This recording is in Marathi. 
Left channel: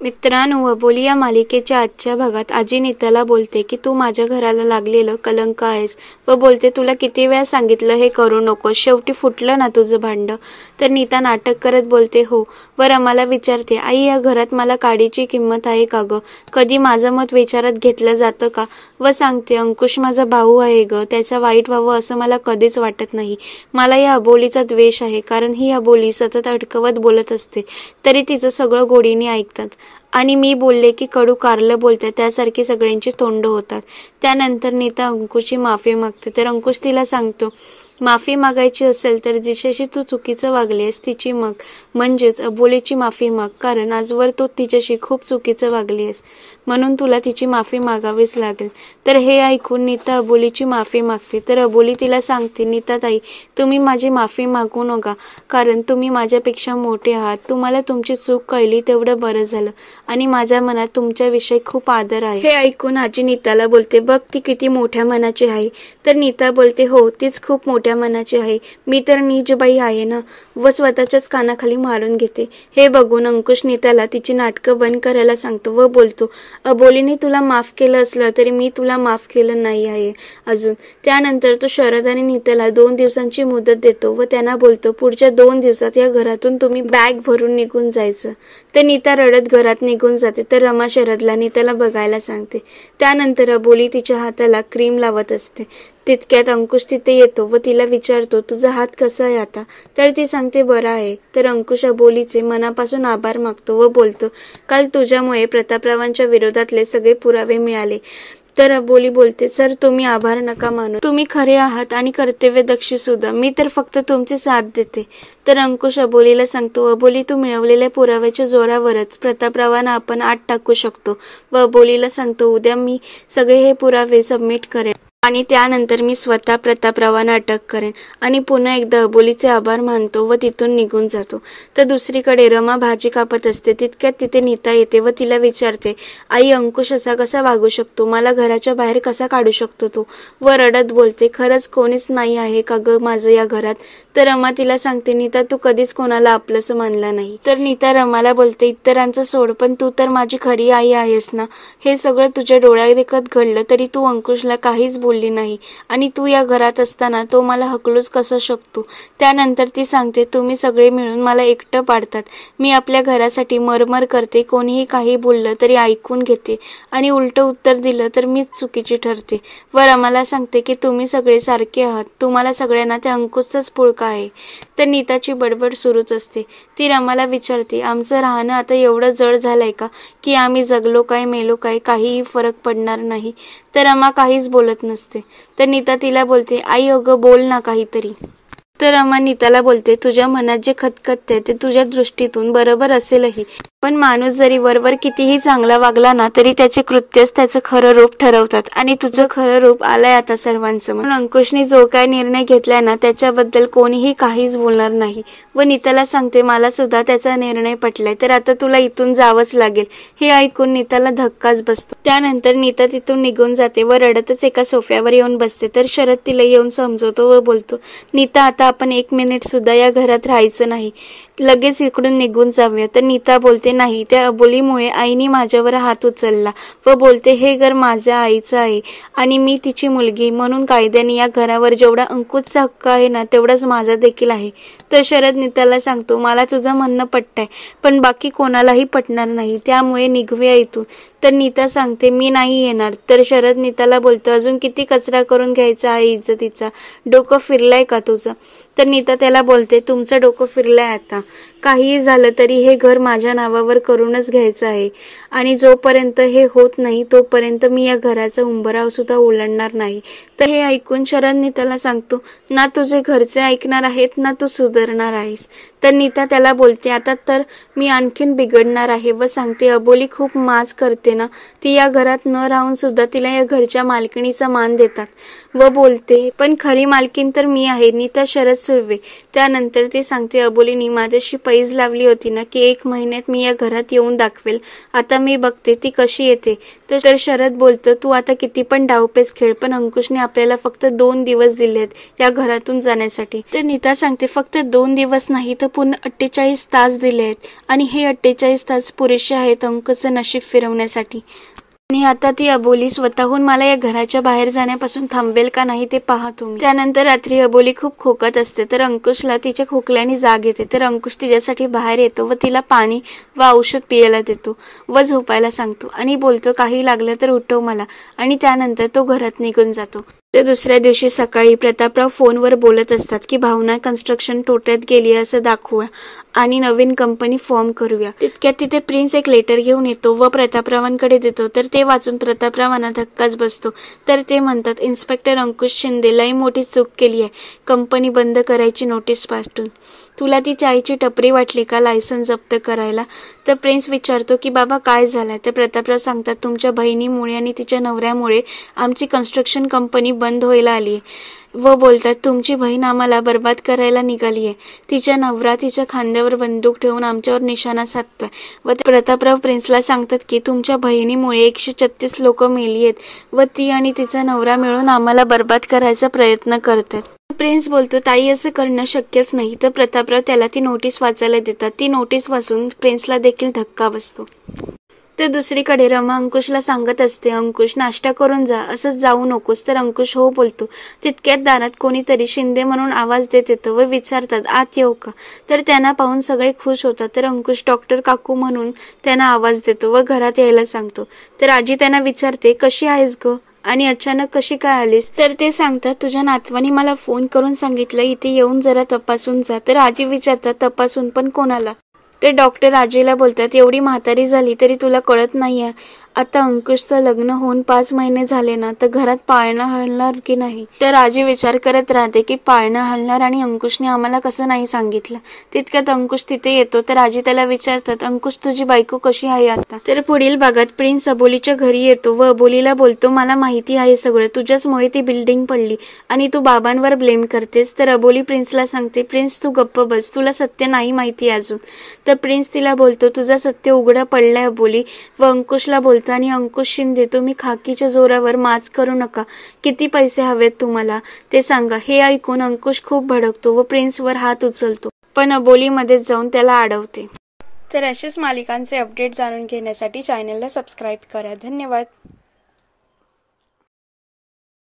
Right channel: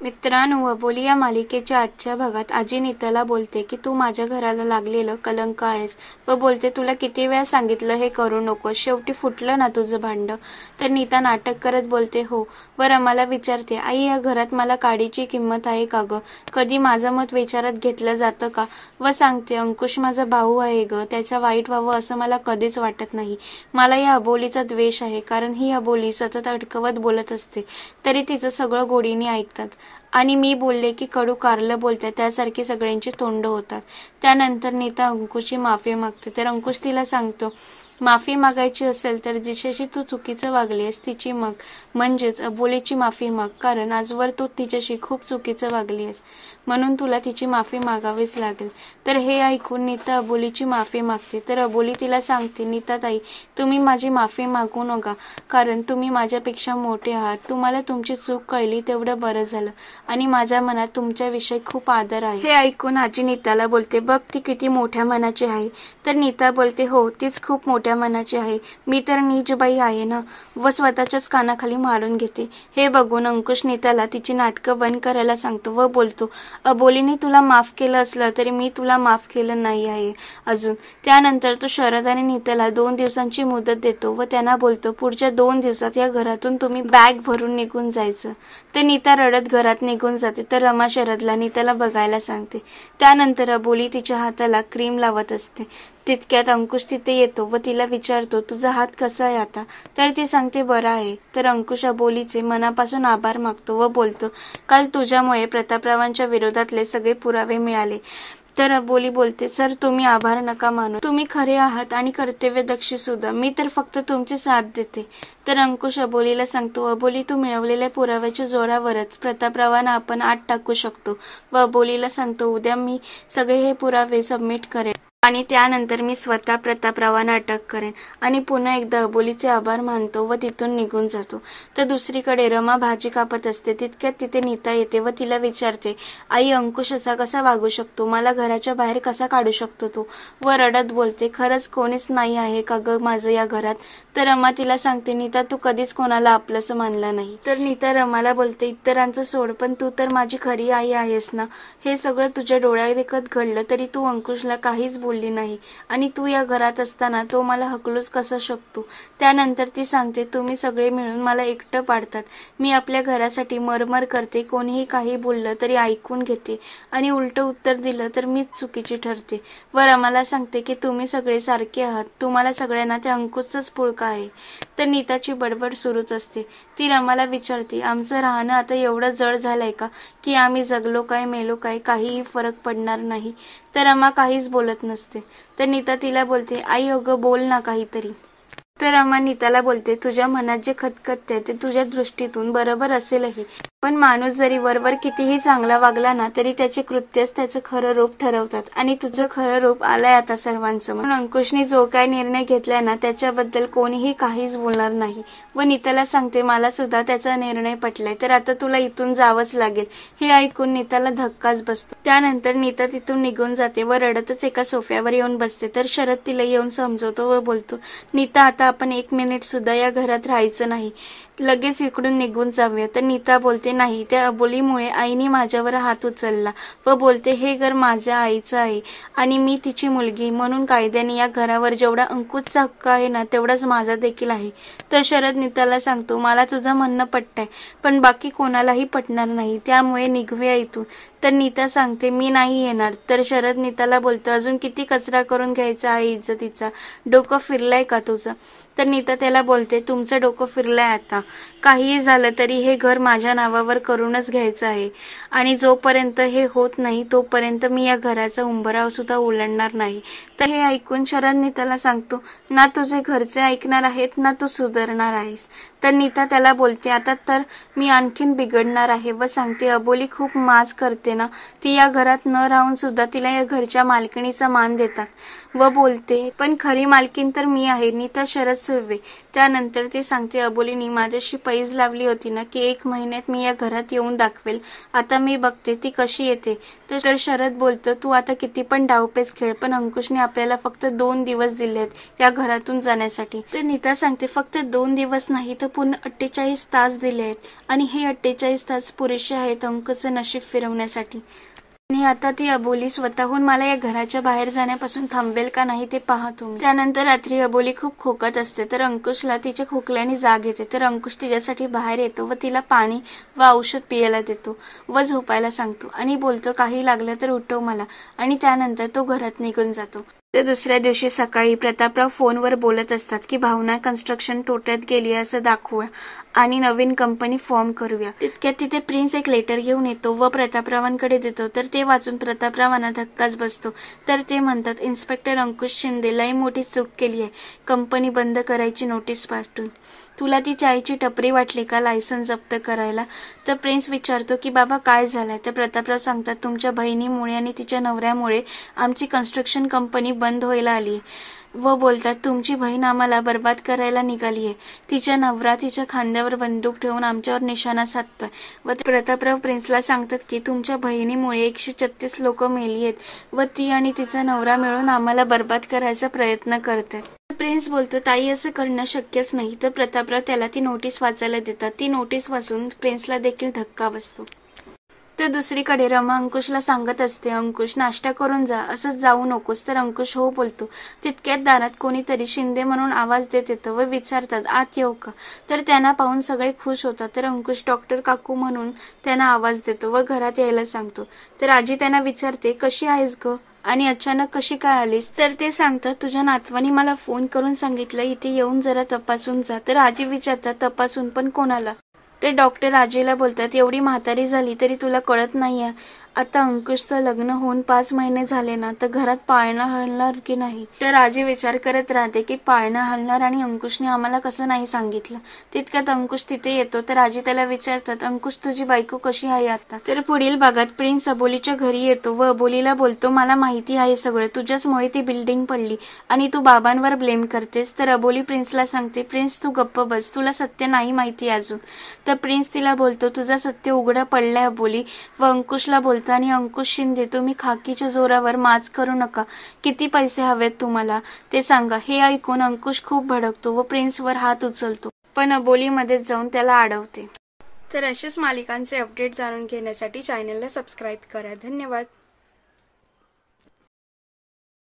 मित्रांनो, अबोली या मालिकेच्या आजच्या भागात आजी नीताला बोलते की तू माझ्या घराला लागलेलं कलंक आहेस व बोलते तुला किती वेळा सांगितलं हे करू नकोस, शेवटी फुटलं ना तुझं भांडं. तर नीता नाटक करत बोलते हो. व रमाला विचारते, आई या घरात मला काडीची किंमत आहे का ग? कधी माझं मत विचारात घेतलं जातं का? व सांगते अंकुश माझा भाऊ आहे ग, त्याचा वाईट व्हावं असं मला कधीच वाटत नाही. मला या अबोलीचा द्वेष आहे, कारण ही अबोली सतत अडकवत बोलत असते तरी तिचं सगळं गोडीने ऐकतात आणि मी बोलले की कडू कारलं बोलते त्यासारखी सगळ्यांची तोंड होतात. त्यानंतर नीता अंकुशची माफी मागते तर अंकुश तिला सांगतो, माफी मागायची असेल तर जिच्याशी तू चुकीचं वागलीस तिची मग, म्हणजेच अबोलीची माफी माग, कारण आजवर तू तिच्याशी खूप चुकीचं वागलीस म्हणून तुला तिची माफी मागावीच लागेल. तर हे ऐकून नीता अबोलीची माफी मागते तर अबोली तिला सांगते, नीताताई तुम्ही माझी माफी मागू नका, कारण तुम्ही माझ्यापेक्षा मोठे आहात. तुम्हाला तुमची चूक कळली तेवढं बरं झालं आणि माझ्या मनात तुमच्याविषयी खूप आदर आहे. हे ऐकून आजी नीताला बोलते, बघ ती किती मोठ्या मनाची आहे. तर नीता बोलते, हो तीच खूप मोठ्या मनाची आहे. मी तर नीचबाई आहे ना. व स्वतःच्याच कानाखाली मारून घेते. हे बघून अंकुश नीताला तिची नाटकं बंद करायला सांगतो व बोलतो, अबोलीने तुला माफ केलं असलं तरी मी तुला माफ केलं नाही आहे अजून. त्यानंतर तो शरद आणि नीताला 2 दिवसांची मुदत देतो व त्यांना बोलतो, पुढच्या 2 दिवसात या घरातून तुम्ही बॅग भरून निघून जायचं. तर नीता रडत घरात निघून जाते तर रमा शरदला नीताला बघायला सांगते. त्यानंतर अबोली तिच्या हाताला क्रीम लावत असते. तितक्यात अंकुश तिथे येतो व तिला विचारतो, तुझा हात कसा आहे आता? तर ती सांगते बरा आहे. तर अंकुश अबोलीचे मनापासून आभार मागतो व बोलतो, काल तुझ्यामुळे प्रतापरावांच्या विरोधातले सगळे पुरावे मिळाले. तर अबोली बोलते, सर तुम्ही आभार नका मानू, तुम्ही खरे आहात आणि कर्तव्यदक्ष सुद्धा, मी तर फक्त तुमची साथ देते. तर अंकुश अबोलीला सांगतो, अबोली तू मिळवलेल्या पुराव्याच्या जोरावरच प्रतापरावांना आपण आत टाकू शकतो. व अबोलीला सांगतो, उद्या मी सगळे हे पुरावे सबमिट करेन आणि त्यानंतर मी स्वतः प्रतापरावांना अटक करेन. आणि पुन्हा एकदा अबोलीचे आभार मानतो व तिथून निघून जातो. तर दुसरीकडे रमा भाजी कापत असते. तितक्यात तिथे नीता येते व तिला विचारते, आई अंकुश असा कसा वागू शकतो? मला घराच्या बाहेर कसा काढू शकतो तो? व रडत बोलते, खरंच कोणीच नाही आहे का ग माझं या घरात? तर रमा तिला सांगते, नीता तू कधीच कोणाला आपलंसं मानलं नाही. तर नीता रमाला बोलते, इतरांचं सोड, पण तू तर माझी खरी आई आहेस ना. हे सगळं तुझ्या डोळ्यादेखत घडलं तरी तू अंकुशला काहीच बोलली नाही आणि तू या घरात असताना तो मला हकलूच कसा शकतो? त्यानंतर ती सांगते, तुम्ही सगळे मिळून मला एकटं पाडतात. मी आपल्या घरासाठी मरमर करते, कोणीही काही बोललं तरी ऐकून घेते आणि उलटं उत्तर दिलं तर मीच चुकीची ठरते. व रमाला सांगते की तुम्ही सगळे सारखे आहात, तुम्हाला सगळ्यांना त्या अंकुशचाच पुळका आहे. तर नीताची बडबड सुरूच असते. ती रमाला विचारते, आमचं राहणं आता एवढं जड झालंय का की आम्ही जगलो काय मेलो काय काहीही फरक पडणार नाही? तर रमा काहीच बोलत नसते. तर नीता तिला बोलते, आई अगं बोल ना काहीतरी. तर रमा नीताला बोलते, तुझ्या मनात जे खतखतते ते तुझ्या दृष्टीतून बरोबर असेलही, पण माणूस जरी वरवर कितीही चांगला वागला ना तरी त्याचे कृत्यच त्याचं खरं रूप ठरवतात आणि तुझं खरं रूप आलंय आता सर्वांसमोर. म्हणून अंकुशने जो काय निर्णय घेतलाय ना त्याच्याबद्दल कोणीही काहीच बोलणार नाही. व नीताला सांगते, मला सुद्धा त्याचा निर्णय पटलाय, तर आता तुला इथून जावंच लागेल. हे ऐकून नीताला धक्काच बसतो. त्यानंतर नीता तिथून निघून जाते व रडतच एका सोफ्यावर येऊन बसते. तर शरद तिला येऊन समजवतो व बोलतो, नीता आता आपण 1 मिनिट सुद्धा या घरात राहायचं नाही, लगेच इकडून निघून जाऊया. तर नीता बोलते, नाही, त्या अबोलीमुळे आईने माझ्यावर हात उचलला व बोलते, हे घर माझ्या आईचं आहे आणि मी तिची मुलगी म्हणून कायद्याने या घरावर जेवढा अंकुशचा हक्क आहे ना तेवढाच माझा देखील आहे. तर शरद नीताला सांगतो, मला तुझं म्हणणं पटतंय पण बाकी कोणालाही पटणार नाही, त्यामुळे निघूया इथून. तर नीता सांगते, मी नाही येणार. तर शरद नीताला बोलतो, अजून किती कचरा करून घ्यायचा आहे इज्जतीचा, डोकं फिरलंय का तुझं? तर नीता त्याला बोलते, तुमचं डोकं फिरलंय आता. काहीही झालं तरी हे घर माझ्या नावावर करूनच घ्यायचं आहे आणि जोपर्यंत हे होत नाही तोपर्यंत मी या घराचा उंबराव सुद्धा ओलांडणार नाही. तर हे ऐकून शरद नीताला सांगतो, ना तुझे घरचे ऐकणार आहेत ना तू सुधारणार आहेस. तर नीता त्याला बोलते, आता तर मी आणखीन बिघडणार आहे. व सांगते, अबोली खूप माज करते ना, ती या घरात न राहून सुद्धा तिला या घरच्या मालकिणीचा मान देतात. व बोलते, पण खरी मालकीण तर मी आहे, नीता शरद सुर्वे. त्यानंतर ती सांगते, अबोलीनी माझ्याशी पैज लावली होती ना की 1 महिन्यात मी या घरात येऊन दाखवेल, आता मी बघते ती कशी येते. तर शरद बोलतो, तू आता किती पण डावपेच खेळ, पण अंकुशने आपल्याला फक्त 2 दिवस दिलेत या घरातून जाण्यासाठी. तर नीता सांगते, फक्त 2 दिवस नाही तर पूर्ण 48 तास दिले आहेत आणि हे 48 तास पुरेसे आहेत अंकुशचं नशीब फिरवण्यासाठी. आणि आता ती अबोली स्वतःहून मला या घराच्या बाहेर जाण्यापासून थांबेल का नाही ते पहा तुम्ही. त्यानंतर रात्री अबोली खूप खोकत असते तर अंकुशला तिच्या खोकल्याने जाग येते. तर अंकुश तिच्यासाठी बाहेर येतो व तिला पाणी व औषध पियाला देतो व झोपायला सांगतो आणि बोलतो काही लागलं तर उठव मला. आणि त्यानंतर तो घरात निघून जातो. तर दुसऱ्या दिवशी सकाळी प्रतापराव फोनवर बोलत असतात की भावना कन्स्ट्रक्शन तोट्यात गेली असं दाखवूया आणि नवीन कंपनी फॉर्म करूया. तितक्यात तिथे प्रिन्स एक लेटर घेऊन येतो व प्रतापरावांकडे देतो. तर ते वाचून प्रतापरावांना धक्काच बसतो. तर ते म्हणतात, इन्स्पेक्टर अंकुश शिंदे लई मोठी चूक केली आहे, कंपनी बंद करायची नोटीस पाठवून. तुला ती चायची टपरी वाटली का लायसन्स जप्त करायला? तर प्रिन्स विचारतो की बाबा काय झालं? तर प्रतापराव सांगतात, तुमच्या बहिणीमुळे आणि तिच्या नवऱ्यामुळे आमची कन्स्ट्रक्शन कंपनी बंद व्हायला आली व बोलतात तुमची बहीण आम्हाला बर्बाद करायला निघाली आहे. तिच्या नवरा तिच्या खांद्यावर बंदूक ठेवून आमच्यावर निशाणा साधतोय. व प्रेतापराव प्रिन्सला सांगतात की तुमच्या बहिणीमुळे 136 लोक मेली आहेत व ती आणि तिचा नवरा मिळून आम्हाला बर्बाद करायचा प्रयत्न करतात. प्रिन्स बोलतो ताई असं करणं शक्यच नाही. तर प्रतापराव त्याला ती नोटीस वाचायला देतात. ती नोटीस वाचून प्रिन्सला देखील धक्का बसतो. तर दुसरीकडे रमा अंकुशला सांगत असते, अंकुश नाश्ता करून जा, असंच जाऊ नकोस. तर अंकुश हो बोलतो. तितक्यात दारात कोणीतरी शिंदे म्हणून आवाज देत येतं व विचारतात आत येऊ का? तर त्यांना पाहून सगळे खुश होतात. तर अंकुश डॉक्टर काकू म्हणून त्यांना आवाज देतो व घरात यायला सांगतो. तर आजी त्यांना विचारते कशी आहेस ग आणि अचानक कशी काय आलीस? तर ते सांगतात तुझ्या नातवानी मला फोन करून सांगितलं इथे येऊन जरा तपासून जा. तर आजी विचारतात तपासून पण कोणाला? ते डॉक्टर आजीला बोलतात एवढी म्हातारी झाली तरी तुला कळत नाहीये आता अंकुशचं लग्न होऊन 5 महिने झाले ना, तर घरात पाळणं हलणार की नाही? तर आजी विचार करत राहते की पाळणं हलणार आणि अंकुशने आम्हाला कसं नाही सांगितलं. तितक्यात अंकुश तिथे येतो. तर आजी त्याला विचारतात अंकुश तुझी बायको कशी आहे आता? तर पुढील भागात प्रिन्स अबोलीच्या घरी येतो व अबोलीला बोलतो मला माहिती आहे सगळं, तुझ्याचमुळे ती बिल्डिंग पडली आणि तू बाबांवर ब्लेम करतेस. तर अबोली प्रिन्सला सांगते प्रिन्स तू गप्प बस, तुला सत्य नाही माहिती अजून. तर प्रिन्स तिला बोलतो तुझा सत्य उघडा पडलाय अबोली. व अंकुशला बोलतो आणि अंकुश शिंदे तुम्ही खाकीच्या जोरावर माच करू नका, किती पैसे हवेत तुम्हाला ते सांगा. हे ऐकून अंकुश खूप भडकतो व प्रिन्सवर हात उचलतो पण अबोलीमध्येच जाऊन त्याला अडवते. तर असेच मालिकांचे अपडेट जाणून घेण्यासाठी चॅनलला सबस्क्राईब करा. धन्यवाद.